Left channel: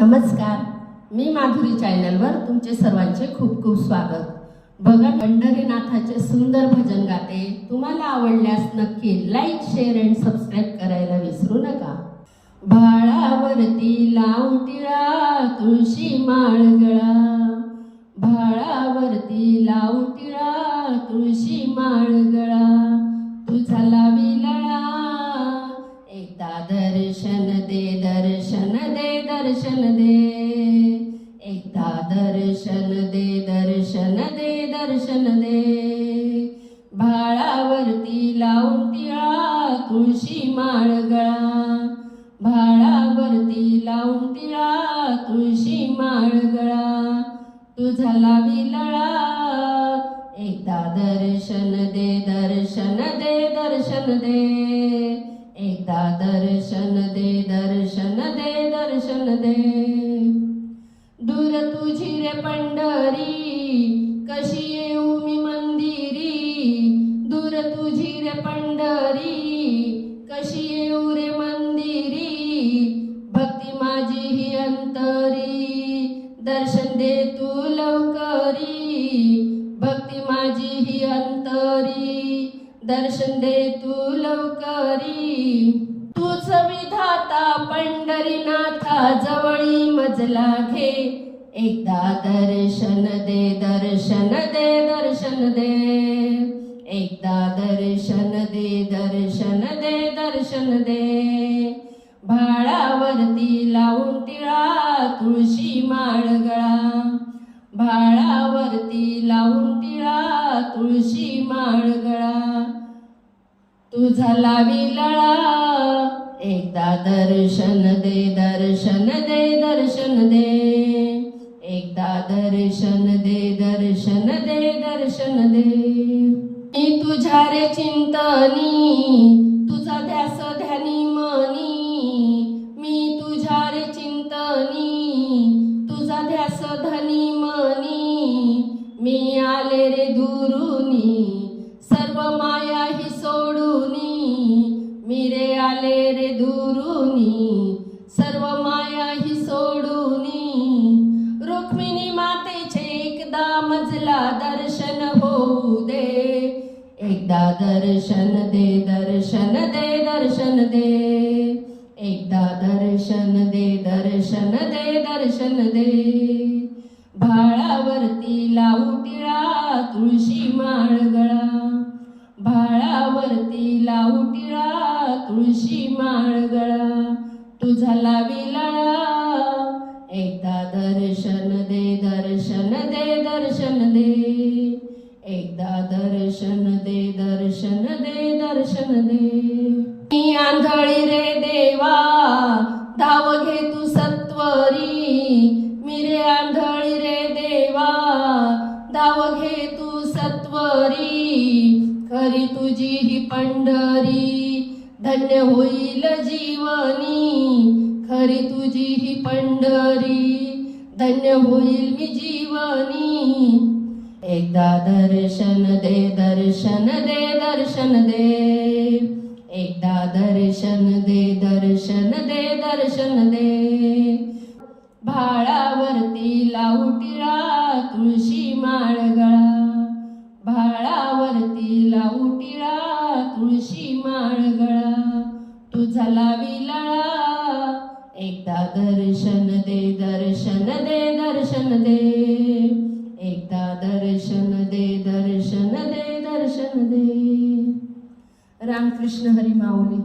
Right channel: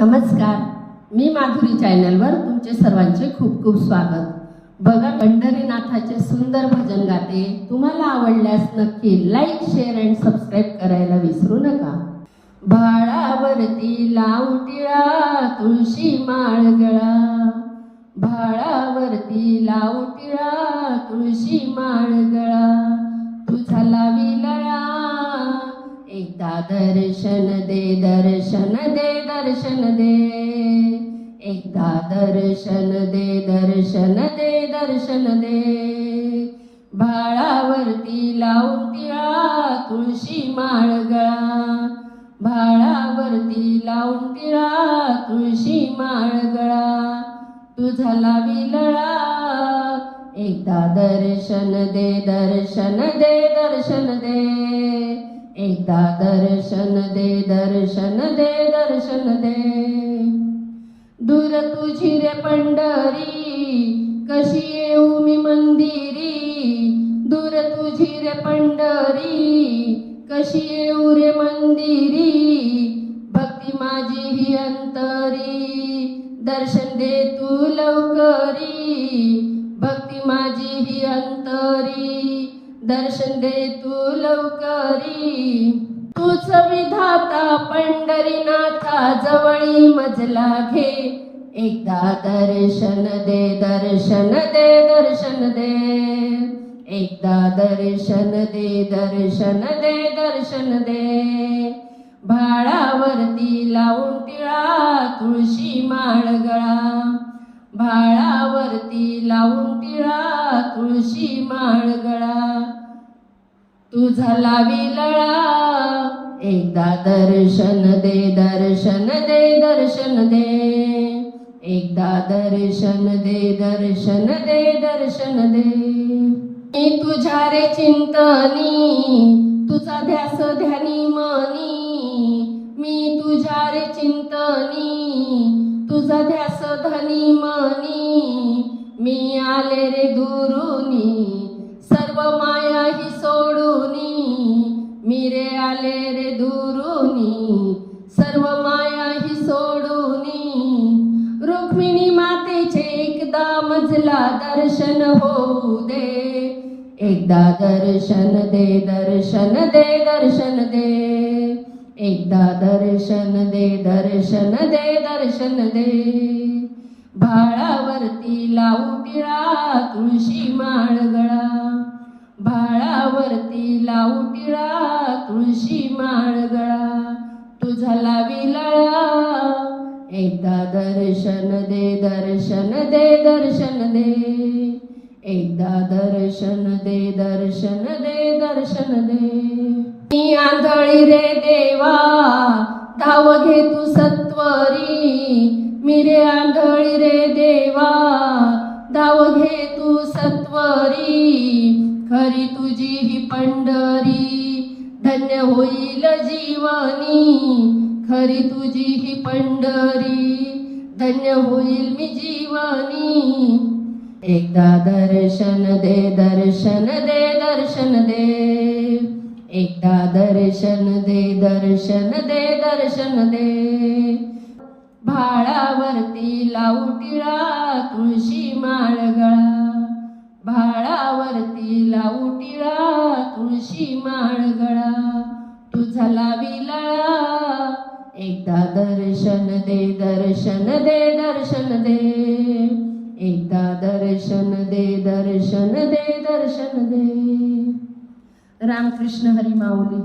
नमस्कार, मी माधुरी चॅनलवर तुमचे सर्वांचे खूप खूप स्वागत. बघा, पंढरीनाथाचे सुंदर भजन गाते. तुम्हाला आवडल्यास नक्की लाईक, शेअर अँड सबस्क्राईब करायला विसरू नका. भाळावरती लावून टिळा तुळशी माळ गळा, भाळावरती लावून टिळा तुळशी माळ गळा. तुझा लावी लळा एकदा दर्शन दे, दर्शन दे, दर्शन दे. एकदा दर्शन दे, दर्शन दे, दर्शन दे. भाळावरती लावून टिळा तुळशी माळ गळा, भाळावरती लावून टिळा तुळशी माळ गळा. तुझा लावी लळा एकदा दर्शन दे, दर्शन दे, दर्शन दे. एकदा दर्शन दे, दर्शन दे, दर्शन दे. दूर तुझी रे पंढरी कशी येऊ मी मंदिरी, दूर तुझी रे पंढरी कशी येऊ रे मंदिरी. भक्ती माझी ही अंतरी दर्शन दे तू लवकरी, भक्ती माझी ही अंतरी दर्शन दे तू लवकरी. तूच विधाता पंढरीनाथा जवळी मजला घे, एकदा दर्शन दे, दर्शन दे, दर्शन दे. एकदा दर्शन दे, दर्शन दे, दर्शन दे. भाळावरती लावून टिळा तुळशी माळ गळा, भाळावरती लावून टिळा तुळशी माळ गळा. तुझा लावी लळा एकदा दर्शन दे, दर्शन दे, दर्शन दे. एकदा दर्शन दे, दर्शन दे, दर्शन दे. मी तुझ्या रे चिंतनी तुझा ध्यास ध्यानी मनी, मी तुझ्या रे चिंतनी तुझा ध्यास धनी मनी. मी आले रे दुरुनी सर्व माया ही सोडूनी, मी रे आले रे दुरुनी सर्व माया ही सोडूनी. रुक्मिणी मातेचे एकदा मजला दर्शन होऊ दे, एकदा दर्शन दे, दर्शन दे, दर्शन दे. एकदा दर्शन दे, दर्शन दे, दर्शन दे. भाळावरती लावू टिळा तुळशी माळ गळा, भाळावरती लावू टिळा तुळशी माळ गळा. तुझा लावी लळा एकदा दर्शन दे, दर्शन दे, दर्शन दे. एकदा दर्शन दे, दर्शन दे, दर्शन दे. मी आंधळी रे देवा धाव घे तू सत्वरी, मी रे आंधळी रे देवा धाव घे तू सत्वरी. खरी तुझी ही पंढरी धन्य होईल जीवनी, खरी तुझी ही पंढरी धन्य होईल मी जीवनी. एकदा दर्शन दे, दर्शन दे, दर्शन दे. एकदा दर्शन दे, दर्शन दे, दर्शन दे. भाळावरती लावू टिळा तुळशी माळ गळा, भाळावरती लावू टिळा तुळशी माळ गळा. तुझा लावी लळा एकदा दर्शन दे, दर्शन दे, दर्शन दे. एकदा दर्शन दे, दर्शन दे, दर्शन दे. रामकृष्ण हरी माऊली.